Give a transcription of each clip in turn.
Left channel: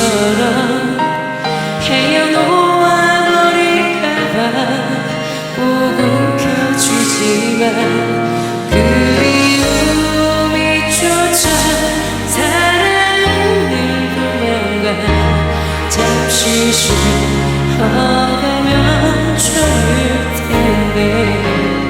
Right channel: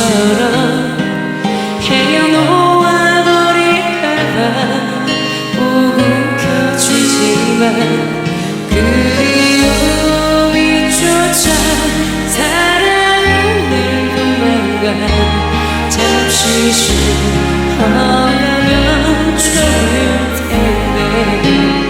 아이처럼 헤어놓아 버릴까봐 꼭 움켜쥐지만 그리움이 쫓아 사랑은 늘 도망가 잠시 쉬어가면 좋을 텐데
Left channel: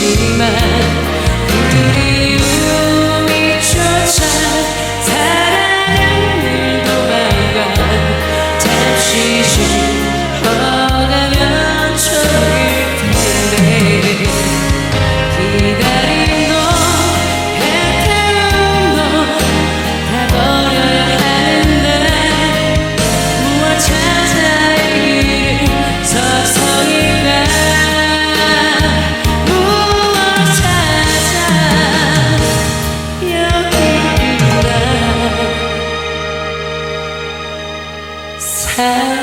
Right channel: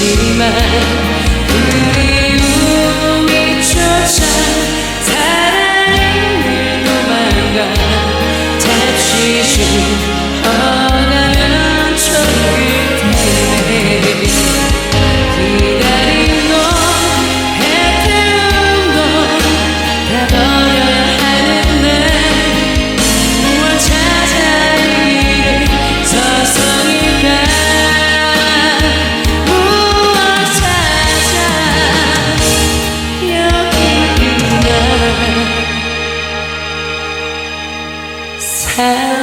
움켜쥐지만 그리움이 쫓아 사랑은 늘 도망가 쉬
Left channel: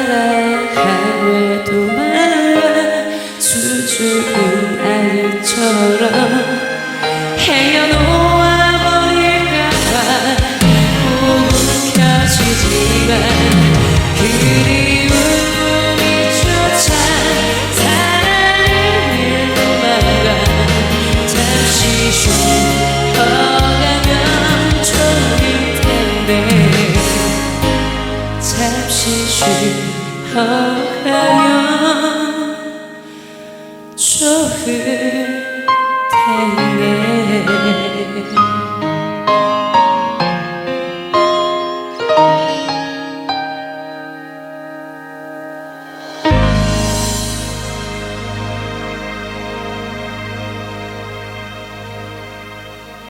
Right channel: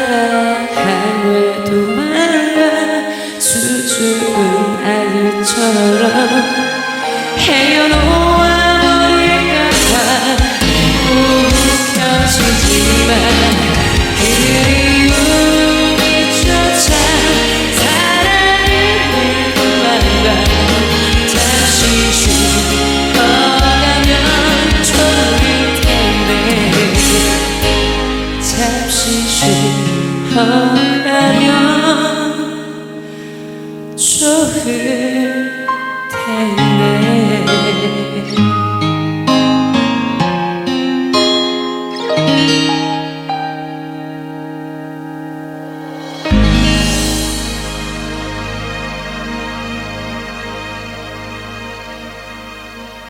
사랑아 왜 도망가 수줍은 아이처럼 헤어놓아 버릴까봐 꼭 움켜쥐지만 그리움이 쫓아 사랑을 늘 도망가 잠시 쉬어가면 좋을 텐데 잠시 쉬어 가면 좋을 텐데